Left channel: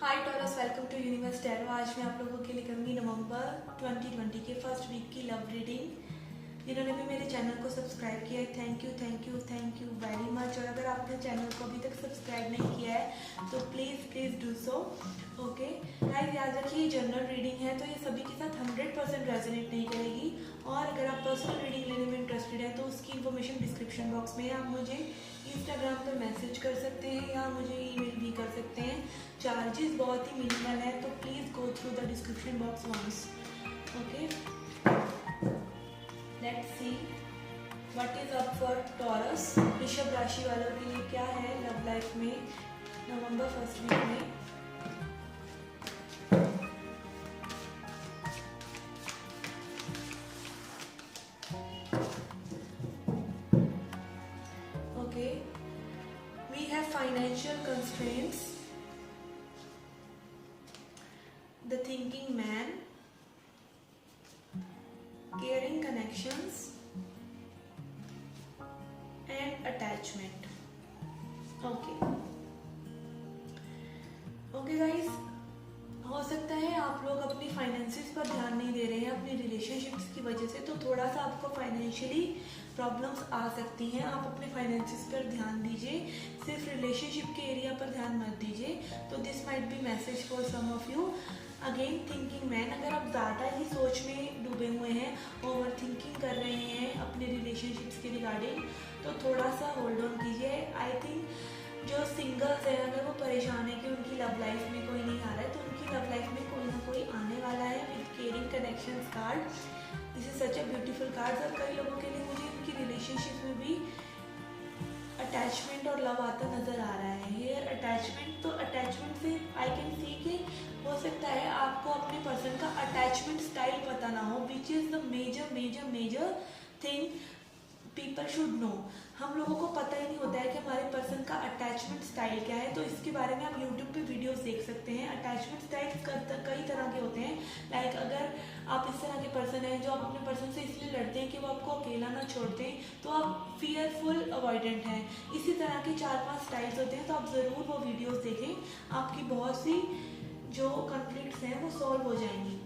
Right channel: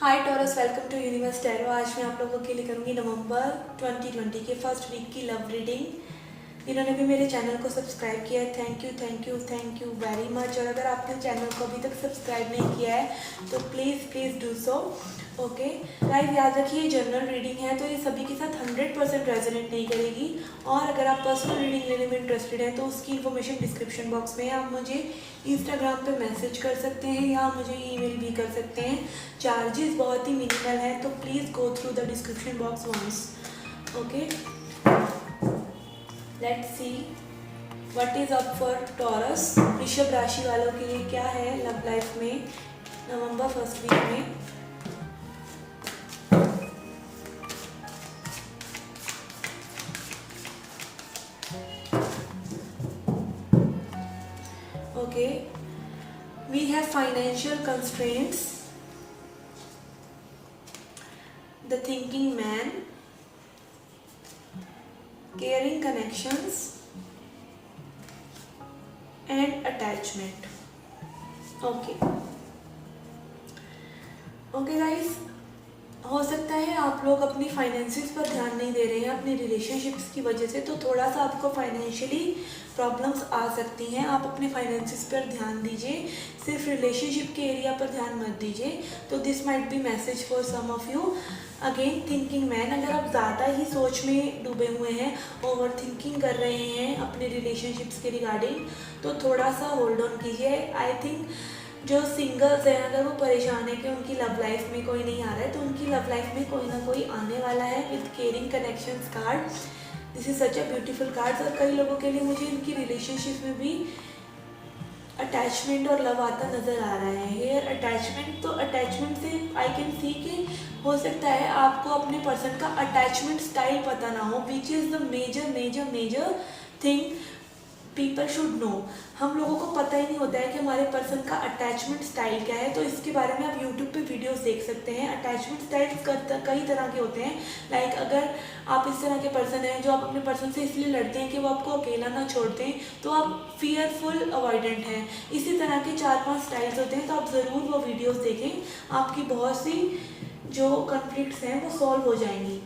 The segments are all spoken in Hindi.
Hi Taurus, welcome to universe tarot. आज मैं आप लोगों के लिए करूँगी नवंबर 2020 के फर्स्ट वीक की लव रीडिंग। जिन्होंने भी मेरे चैनल को सब्सक्राइब किया है, thank you thank you thank you very much. और अगर आपने चैनल को अभी तक सब्सक्राइब नहीं किया है तो please do so. Okay guys, याद रखिए ये जनरल रीडिंग है तो ये सभी के साथ 100% रेजोनेट नहीं करेगी। और अगर आप पर्सनल रीडिंग लेने में इंटरेस्टेड हैं तो उसकी इन्फॉर्मेशन डिस्क्रिप्शन बॉक्स में, आप मुझे इंस्टाग्राम पे मैसेज कर सकते हैं या मुझे ईमेल भी कर सकते हैं। चार्जेस बहुत ही मिनिमल है तो please go through the description box once. Okay, let's see what is up for Taurus. वृषभ राशि वालों के लिए क्या है लव लाइफ में नवंबर फर्स्ट वीक में। Okay, we have financial constraints, the thinking man, caring connections and attachment. Okay guys, हो सकता है आप लोग अपनी फाइनेंसिस पर ध्यान नहीं दे रहे हैं अपनी रिलेशनशिप्स की वजह से, तो थोड़ा सा आपको फाइनेंशियली प्रॉब्लम्स आ सकती हैं। आप अपने फाइनेंसिस पर ध्यान दीजिए, सिर्फ रिलेशनशिप के एरिया पर ध्यान मत दीजिए। तो this might be message for some of you. Again thinking man, अगर आप ज़्यादा ही सोच में डूबे हुए हैं, ओवर थिंकिंग कर रहे हैं अपने रिलेशनशिप्स के रिगार्डिंग, तो थोड़ा सा होल्ड ऑन कीजिए। आई थिंक जो सिंगल्स हैं, अगर वो परेशान है कि उनकी लव लाइफ में कोई नहीं आ रहा है, तो उनकी लव लाइफ में कोई ना कोई आने वाला है with caring connections card. This is such a beautiful card. और कई लोगों के लिए मुझे इनकी रिलेशनशिप में भी अटैचमेंट और लव आता नज़र आ रहा है। हेयर अटैचमेंट, तो अटैचमेंट से आई कैन सी कि हो सकता है आपको अपने पर्सन का अटैचमेंट स्टाइल पता ना हो, which is the major major major thing people should know. हम लोगों को पता ही नहीं होता है कि हमारे पर्सन का अटैचमेंट स्टाइल क्या है। तो इसके बारे में आप यूट्यूब पे वीडियोस देख सकते हैं। अटैचमेंट स्टाइल्स कई तरह के होते हैं। लाइक अगर आप इस तरह के पर्सन हैं जो आप अपने पर्सन से इसलिए लड़ते हैं कि वो आपको अकेला ना छोड़ते हैं, तो आप फियरफुल अवॉइडेंट हैं। इसी तरह के 4-5 स्टाइल्स होते हैं, तो आप ज़रूर वो वीडियोज़ देखें। आपकी बहुत सी जो कॉन्फ्लिक्ट्स हैं वो सॉल्व हो जाएंगी।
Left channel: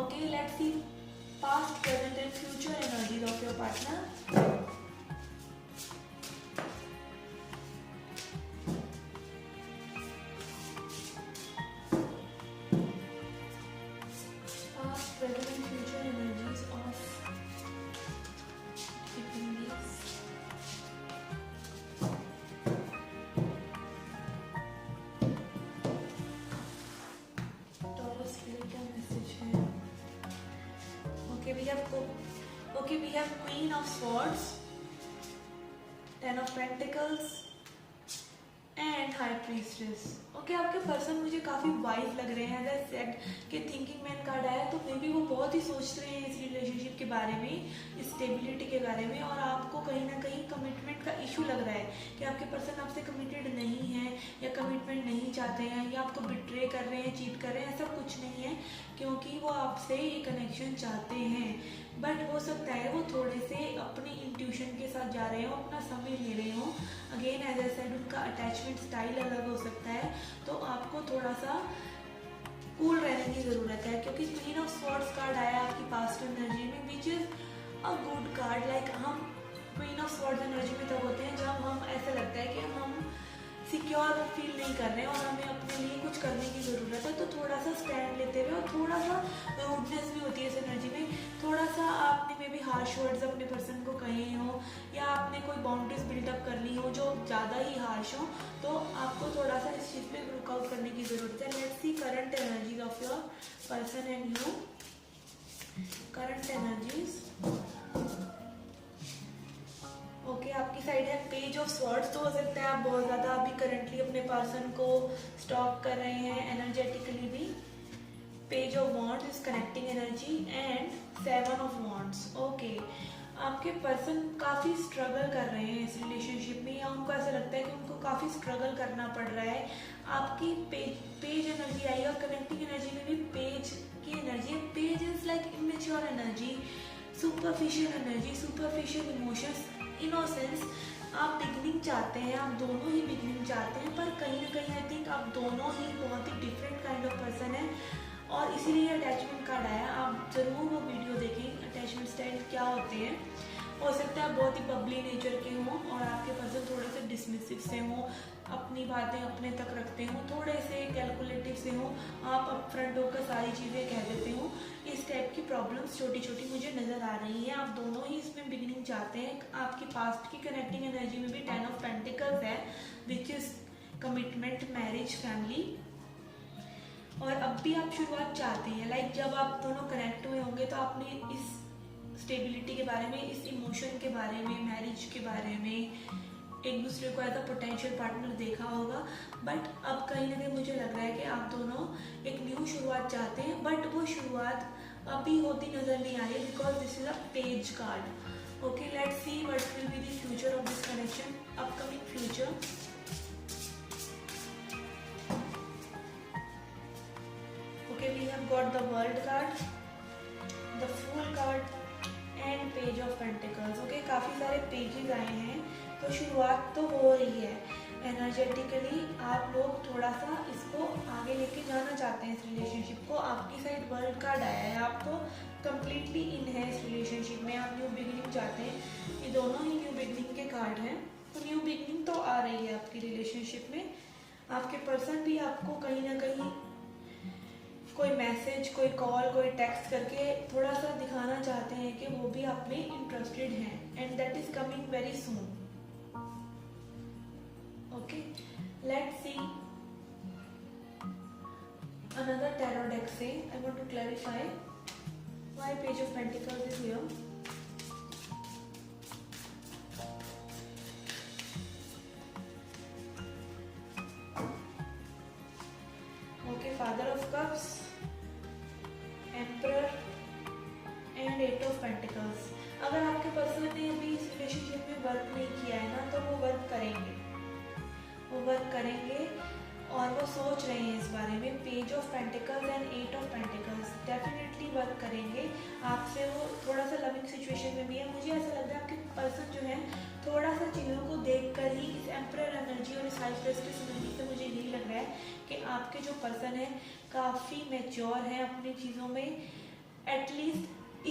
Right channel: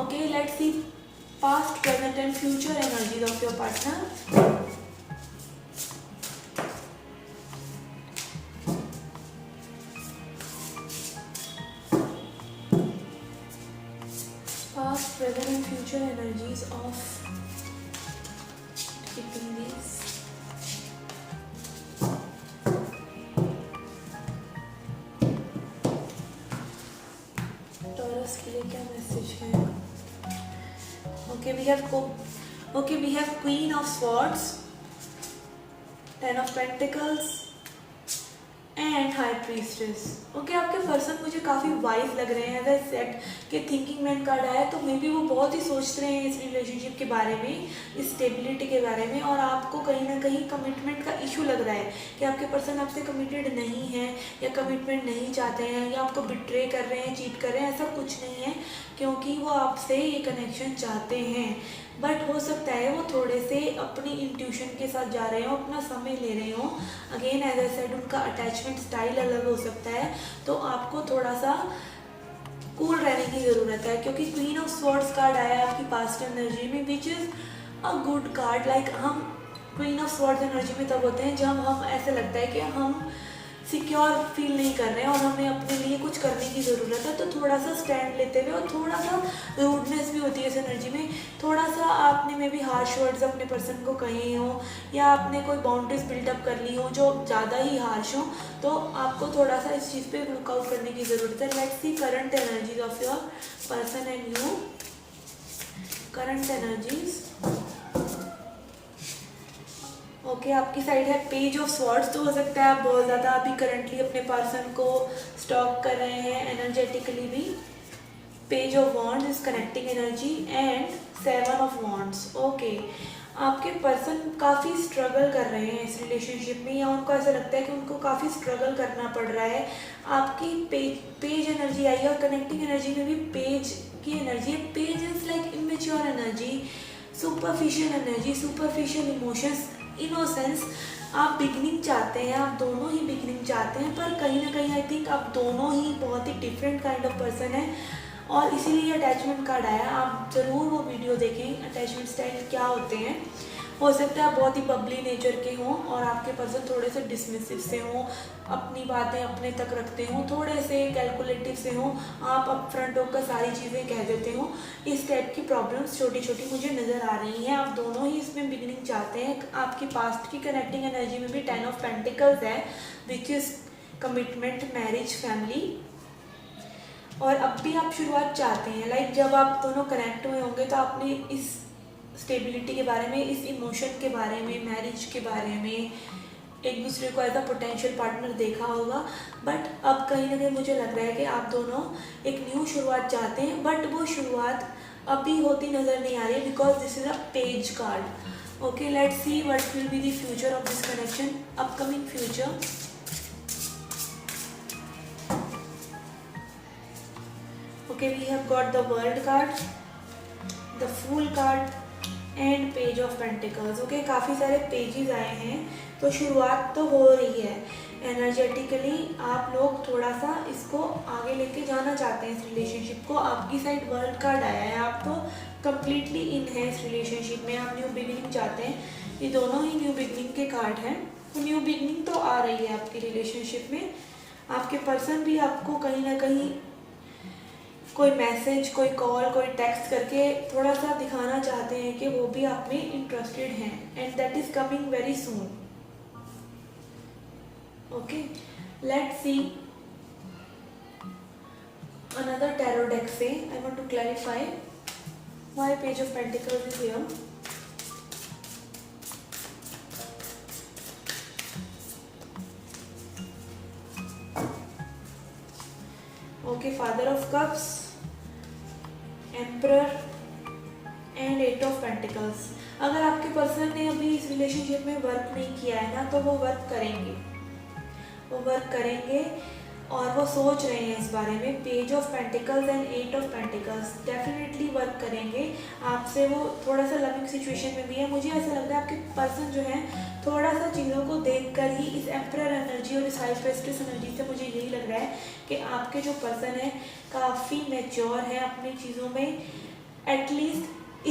Okay, let's C past, present and future energies of your partner. Past, present and future energies of keeping these. Taurus के लिए क्या मैसेज है? Okay, we have Queen of Swords, Ten of Pentacles and high priestess. Okay, आपके पर्सन मुझे काफ़ी वाइज लग रहे हैं। एज सेट कि थिंकिंग मैन कार्ड आया तो मे बी वो बहुत ही सोच रहे हैं इस रिलेशनशिप के बारे में, इस स्टेबिलिटी के बारे में। और आपको कहीं ना कहीं कमिटमेंट का इशू लग रहा है कि आपके पर्सन आपसे कमिटेड नहीं है या कमिटमेंट नहीं चाहते हैं या आपको बिट्रे कर रहे हैं, चीट कर रहे हैं। ऐसा कुछ नहीं है, क्योंकि वो आपसे ये कनेक्शन चाहते हैं। बट हो सकता है वो थोड़े से अपनी इंट्यूशन के साथ जा रहे हो, अपना समय ले रहे हो। अगेन एज आई सेड, उनका अटैचमेंट स्टाइल अलग हो सकता है, तो आपको थोड़ा सा कूल रहने की ज़रूरत है। क्योंकि क्वीन ऑफ स्वॉर्ड्स कार्ड आया आपकी पास्ट एनर्जी में, which is a good card. Like हम क्वीन ऑफ स्वॉर्ड्स एनर्जी में तब होते हैं जब हम ऐसा लगता है कि हम सिक्योर फील नहीं कर रहे हैं और हमें अपने लिए कुछ करने की ज़रूरत है। तो थोड़ा सा स्टैंड लेते हुए, और थोड़ा सा रूडनेस भी होती है इस एनर्जी में। थोड़ा सा आपने मे बी हार्श वर्ड्स अपने पर्सन को कहे हो या आपने कोई बाउंड्रीज बिल्डअप कर ली हो जो ज़्यादा ही हार्श हो, तो आपको थोड़ा सा इस चीज़ पे लुक आउट करने की ज़रूरत है। Let's see current energies of your person and you. Current energies, okay, आपकी साइड है पेज ऑफ स्वॉर्ड्स। तो हो सकता है आप बहुत ज़्यादा अभी करंटली अपने पर्सन को स्टॉक कर रहे हैं एनर्जेटिकली भी। Page of wands is connecting energy and 7 of wands. Okay, आपके पर्सन काफ़ी स्ट्रगल कर रहे हैं इस रिलेशनशिप में, या उनको ऐसा लगता है कि उनको काफ़ी स्ट्रगल करना पड़ रहा है। आपकी पेज एनर्जी आई है और कनेक्टिंग एनर्जी में भी पेज की एनर्जी है। Page is like immature energy, superficial energy, superficial emotions, innocence. आप बिगनिंग चाहते हैं, आप दोनों ही बिगनिंग चाहते हैं, पर कहीं ना कहीं आई थिंक आप दोनों ही बहुत ही डिफरेंट काइंड ऑफ पर्सन है और इसीलिए अटैचमेंट कार्ड आया। आप ज़रूर वो वीडियो देखें, अटैचमेंट स्टाइल क्या होते हैं। हो सकता है आप बहुत ही बबली नेचर के हों और आपके पर्सन थोड़े से डिसमिसिव से हों, अपनी बातें अपने तक रखते हों, थोड़े से कैलकुलेटिव से हों, आप अप फ्रंट होकर सारी चीज़ें कह देते हों। इस टाइप की प्रॉब्लम्स छोटी छोटी मुझे नज़र आ रही हैं। आप दोनों ही इसमें बिगिनिंग चाहते हैं। आपकी पास्ट की कनेक्टिंग एनर्जी में भी 10 ऑफ पेंटिकल्स है, which is commitment, marriage, family. और अब भी आप शुरुआत चाहते हैं। लाइक जब आप दोनों कनेक्ट हुए होंगे तो आपने इस स्टेबिलिटी के बारे में, इस इमोशन के बारे में, मैरिज के बारे में एक दूसरे को एज अ पोटेंशियल पार्टनर देखा होगा। बट अब कहीं ना कहीं मुझे लग रहा है कि आप दोनों एक न्यू शुरुआत चाहते हैं, बट वो शुरुआत अभी होती नज़र नहीं आ रही because this is a page card. Okay, let's see what will be the future of this connection, upcoming future. Okay, we have got the world card, the fool card and page of pentacles. Okay, काफ़ी सारे पेजेस आए हैं, तो शुरुआत तो हो रही है। एनर्जेटिकली आप लोग थोड़ा सा इसको आगे लेके जाना चाहते हैं इस रिलेशनशिप को। आपकी साइड वर्ल्ड कार्ड आया है, आप तो कम्प्लीटली इन है इस रिलेशनशिप में, आप न्यू बिगिनिंग चाहते हैं। ये दोनों ही न्यू बिगिनिंग के कार्ड हैं, तो न्यू बिगिनिंग तो आ रही है आपकी रिलेशनशिप में। आपके पर्सन भी आपको कहीं ना कहीं कोई मैसेज, कोई कॉल, कोई टेक्स्ट करके थोड़ा सा दिखाना चाहते हैं कि वो भी आप में इंटरेस्टेड हैं, and that is coming very soon. Okay, let's see another tarot deck से। I want to clarify why page of pentacles is here. Okay, father of cups, emperor and 8 of pentacles. अगर आपके पर्सन ने अभी इस रिलेशनशिप में वर्क नहीं किया है ना, तो वो वर्क करेंगे, वो वर्क करेंगे और वो सोच रहे हैं इस बारे में। Page of pentacles and 8 of pentacles definitely work करेंगे आपसे। वो थोड़ा सा लविंग सिचुएशन में भी है। मुझे ऐसा लगता है आपके पर्सन जो है थोड़ा सा चीज़ों को देखकर ही, इस एम्परर एनर्जी और इस हाई प्रेस्टिस एनर्जी से मुझे यही लग रहा है कि आपके जो पर्सन है काफ़ी मैच्योर है अपनी चीज़ों में। एटलीस्ट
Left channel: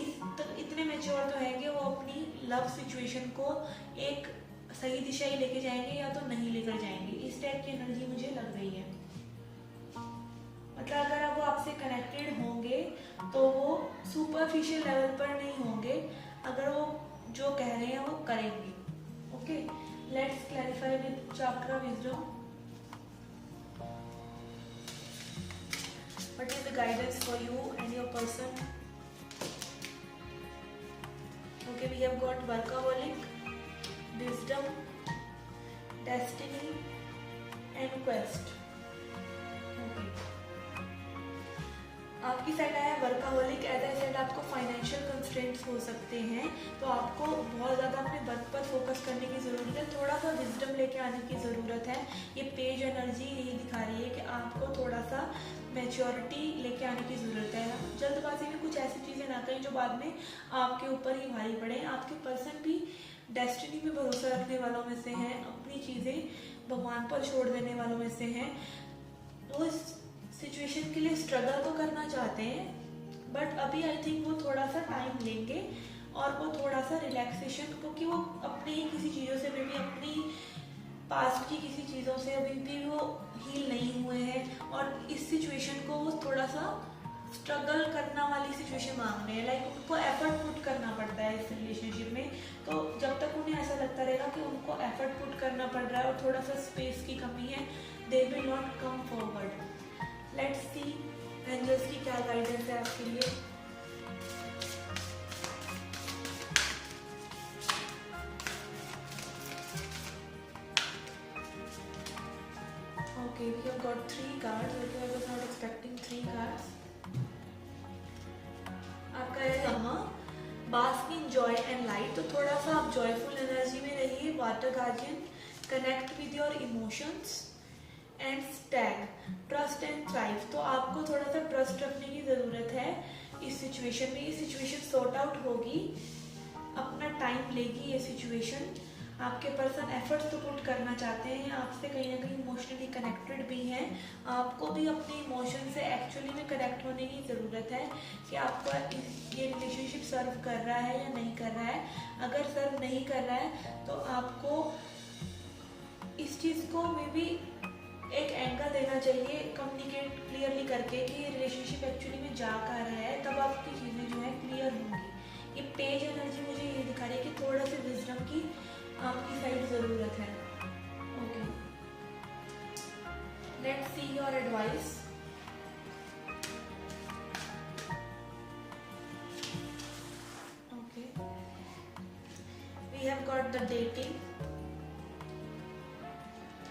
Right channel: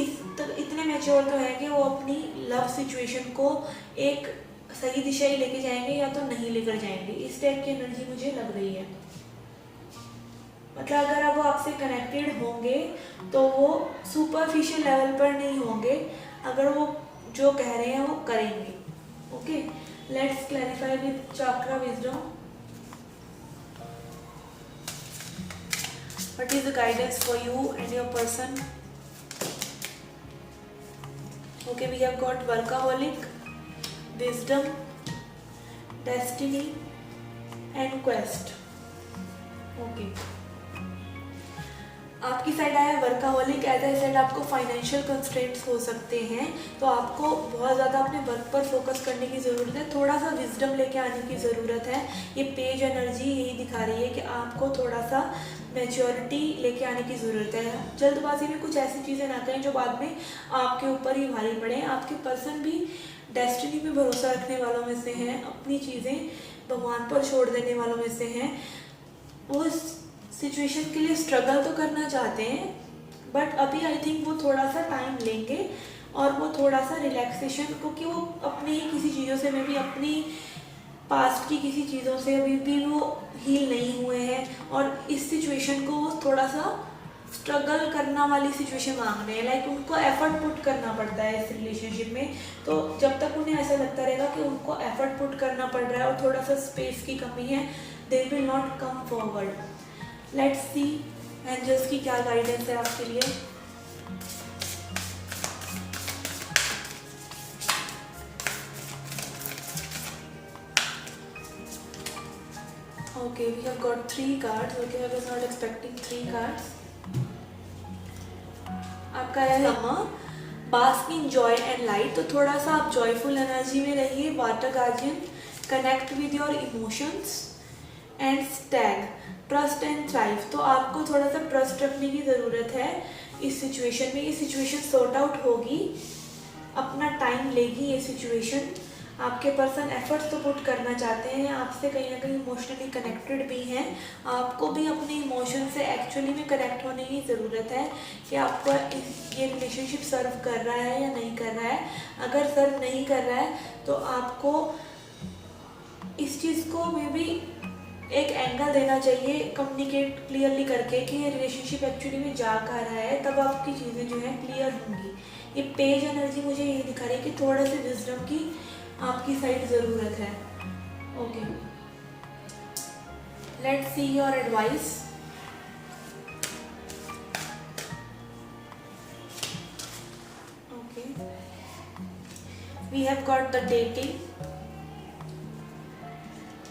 इतने मैच्योर तो हैं कि वो अपनी लव सिचुएशन को एक सही दिशा ही लेके जाएंगे या तो नहीं लेकर जाएंगे। इस टाइप की एनर्जी मुझे लग रही है। मतलब अगर अब वो आपसे कनेक्टेड होंगे तो वो सुपरफिशियल लेवल पर नहीं होंगे, अगर वो जो कह रहे हैं वो करेंगे। Okay, let's clarify with chakra wisdom. What is the guidance for you and your person? Okay, we have got workaholic, wisdom, destiny and quest. Okay, आपकी साइड आया वर्काहोलिक। एज आई सेड, आपको फाइनेंशियल कंस्ट्रेंट्स हो सकते हैं, तो आपको बहुत ज़्यादा अपने वर्क पर फोकस करने की ज़रूरत है, थोड़ा सा विजडम लेके आने की ज़रूरत है। ये पेज एनर्जी यही दिखा रही है कि आपको थोड़ा सा मैच्योरिटी लेके आने की ज़रूरत है। जल्दबाजी में कुछ ऐसी चीज़ें ना करें जो बाद में आपके ऊपर ही भारी पड़े। आपके पर्सन भी डेस्टिनी पे भरोसा रखने वालों में से हैं, अपनी चीज़ें भगवान पर छोड़ देने वालों में से हैं। वो इस सिचुएशन के लिए स्ट्रगल तो करना चाहते हैं, बट अभी आई थिंक वो थोड़ा सा टाइम लेंगे और वो थोड़ा सा रिलैक्सेशन, क्योंकि वो अपनी ही किसी चीज़ों से में भी, अपनी पास्ट की किसी चीज़ों से अभी भी वो हील नहीं हुए हैं और इस सिचुएशन को वो थोड़ा सा स्ट्रगल करना वाली सिचुएशन मांग रहे हैं। लाइक उनको एफर्ट पुट करना पड़ता है इस रिलेशनशिप में। तो जब तक उन्हें ऐसा लगता रहेगा कि उनको एफर्ट पुट करना पड़ रहा है और थोड़ा सा स्पेस की कमी है, they will not come forward. Let's see angels की क्या गाइडेंस है आपके लिए। Okay, we have got 3 cards. Okay, I was not expecting 3 cards. आपका है summer, bask in joy and light. तो थोड़ा सा आप जॉयफुल एनर्जी में रहिए। Water guardian, connect with your emotions and Stag, trust and thrive. तो आपको थोड़ा सा ट्रस्ट रखने की ज़रूरत है इस सिचुएशन में। ये सिचुएशन सॉर्ट आउट होगी, अपना टाइम लेगी ये सिचुएशन। आपके पर्सन एफर्ट्स तो पुट करना चाहते हैं, आपसे कहीं ना कहीं इमोशनली कनेक्टेड भी हैं। आपको भी अपने इमोशन से एक्चुअली में कनेक्ट होने की ज़रूरत है कि आपका ये रिलेशनशिप सर्व कर रहा है या नहीं कर रहा है। अगर सर्व नहीं कर रहा है तो आपको इस चीज़ को मे बी एक एंगल देना चाहिए, कम्युनिकेट क्लियरली करके कि ये रिलेशनशिप एक्चुअली में जा कहाँ रहा है, तब आपकी चीज़ें जो हैं क्लियर होंगी। ये पेज एनर्जी मुझे ये दिखा रही है कि थोड़ा सा विजडम की आपकी साइड ज़रूरत है। Okay, let's see your advice. Okay, we have got the dating.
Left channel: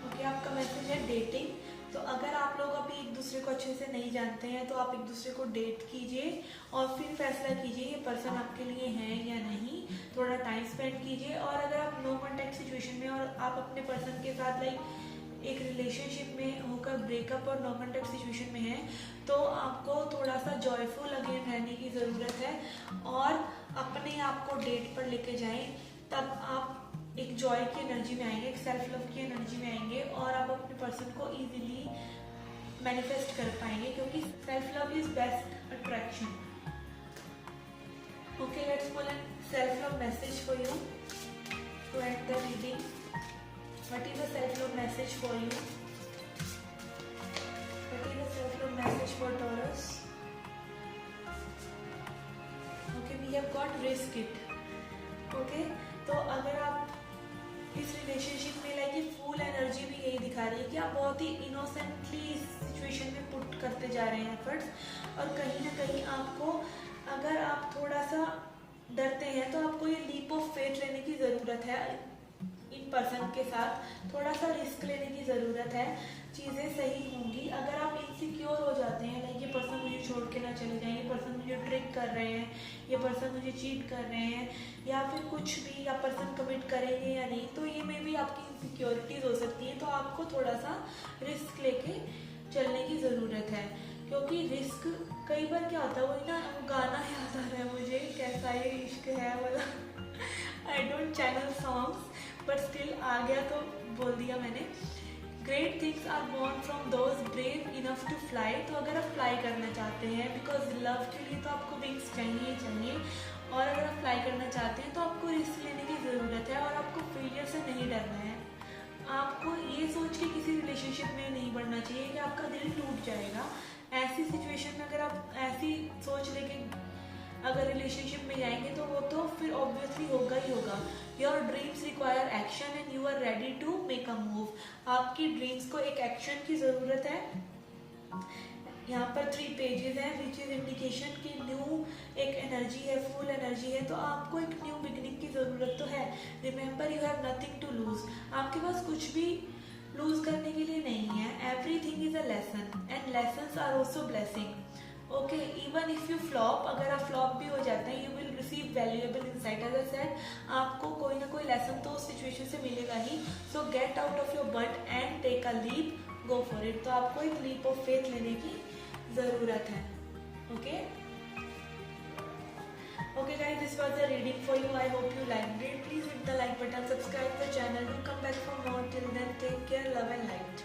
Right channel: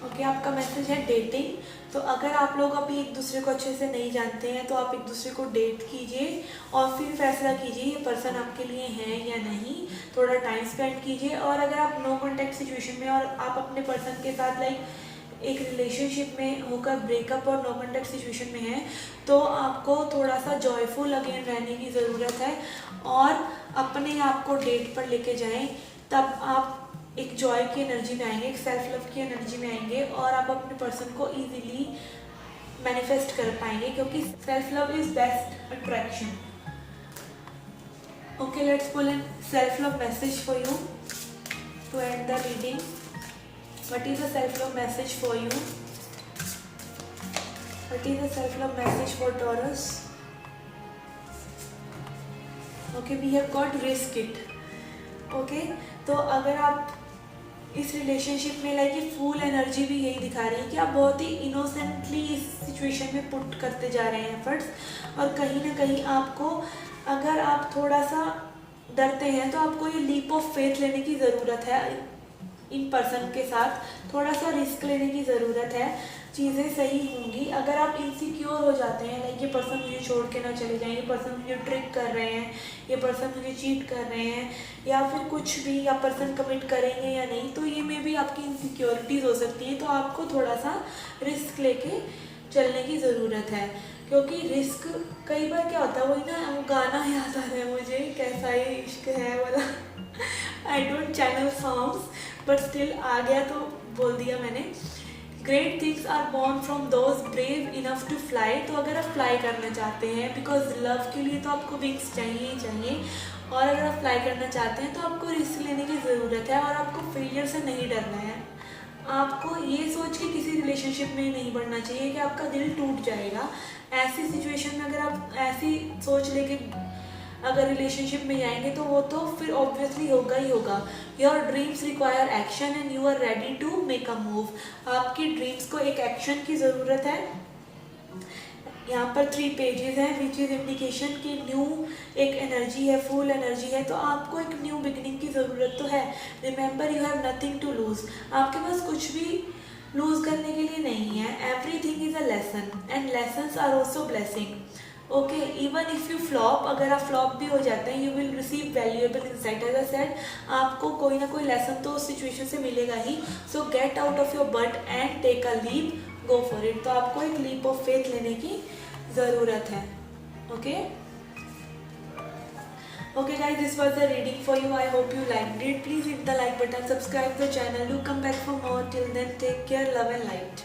Okay, आपका मैसेज है डेटिंग। तो अगर आप लोग अभी एक दूसरे को अच्छे से नहीं जानते हैं तो आप एक दूसरे को डेट कीजिए और फिर फैसला कीजिए ये पर्सन आपके लिए है या नहीं। थोड़ा टाइम स्पेंड कीजिए, और अगर आप नो कॉन्टैक्ट सिचुएशन में और आप अपने पर्सन के साथ लाइक एक रिलेशनशिप में होकर ब्रेकअप और नो कॉन्टैक्ट सिचुएशन में है तो आपको थोड़ा सा जॉयफुल अगेन रहने की ज़रूरत है और अपने आप को डेट पर लेके जाएं। तब आप एक जॉय की एनर्जी में आएंगे, एक सेल्फ लव की एनर्जी में आएंगे और आप अपने पर्सन को इजीली मैनिफेस्ट कर पाएंगे, क्योंकि self love is best attraction. Okay, let's pull in self love message for you to and the reading. What is the self love message for you? What is the self love message for Taurus? Okay, we have got risk it. Okay, तो अगर आप इस रिलेशनशिप में लाइक ये फुल एनर्जी भी यही दिखा रही है कि आप बहुत ही इनोसेंटली इस सिचुएशन में पुट करते जा रहे हैं एफर्ट्स, और कहीं ना कहीं आपको, अगर आप थोड़ा सा डरते हैं तो आपको ये लीप ऑफ फेथ लेने की ज़रूरत है। इन पर्सन के साथ थोड़ा सा रिस्क लेने की ज़रूरत है, चीज़ें सही होंगी। अगर आप इनसिक्योर हो जाते हैं लाइक ये पर्सन मुझे छोड़ के ना चले जाएं, ये पर्सन मुझे ट्रिक कर रहे हैं, ये पर्सन मुझे चीट कर रहे हैं, या फिर कुछ भी, या पर्सन कमिट करेंगे या नहीं, तो ये में भी आपकी इनसिक्योरिटीज़ हो सकती हैं। तो आपको थोड़ा सा रिस्क लेके चलने की ज़रूरत है, क्योंकि रिस्क कई बार क्या होता है, वही ना वो गाना याद आ रहा है मुझे, कैसा ये इश्क है वाला। I don't channel songs but still आ गया तो बोल दिया मैंने। Great things are born from those brave enough to fly. तो अगर आप फ्लाई करना चाहते हैं, बिकॉज लव के लिए तो आपको विंग्स चाहिए ही चाहिए, और अगर आप फ्लाई करना चाहते हैं तो आपको रिस्क लेने की ज़रूरत है और आपको फेलियर से नहीं डरना है। आपको ये सोच के किसी रिलेशनशिप में नहीं बढ़ना चाहिए कि आपका दिल टूट जाएगा। ऐसी सिचुएशन में अगर आप ऐसी सोच लेके अगर रिलेशनशिप में जाएंगे तो वो तो फिर ऑब्वियसली होगा ही होगा। Your dreams require action and you are ready to make a move. आपकी ड्रीम्स को एक एक्शन की ज़रूरत है। यहाँ पर 3 पेजेस हैं विच इज़ इंडिकेशन कि न्यू एक एनर्जी है, फुल एनर्जी है, तो आपको एक न्यू बिगिनिंग की ज़रूरत तो है। Remember you have nothing to lose. आपके पास कुछ भी लूज करने के लिए नहीं है। Everything is a lesson and lessons are also blessing. Okay, even if you flop, अगर आप फ्लॉप भी हो जाते हैं, you will receive valuable insight. As I said, आपको कोई ना कोई लेसन तो उस सिचुएशन से मिलेगा ही। So get out of your but and take a leap, go for it. तो आपको एक लीप ऑफ फेथ लेने की ज़रूरत है। Okay okay guys, this was the reading for you. I hope you liked it. Please hit the like button, subscribe the channel, do come back for more. Till then, take care, love and light.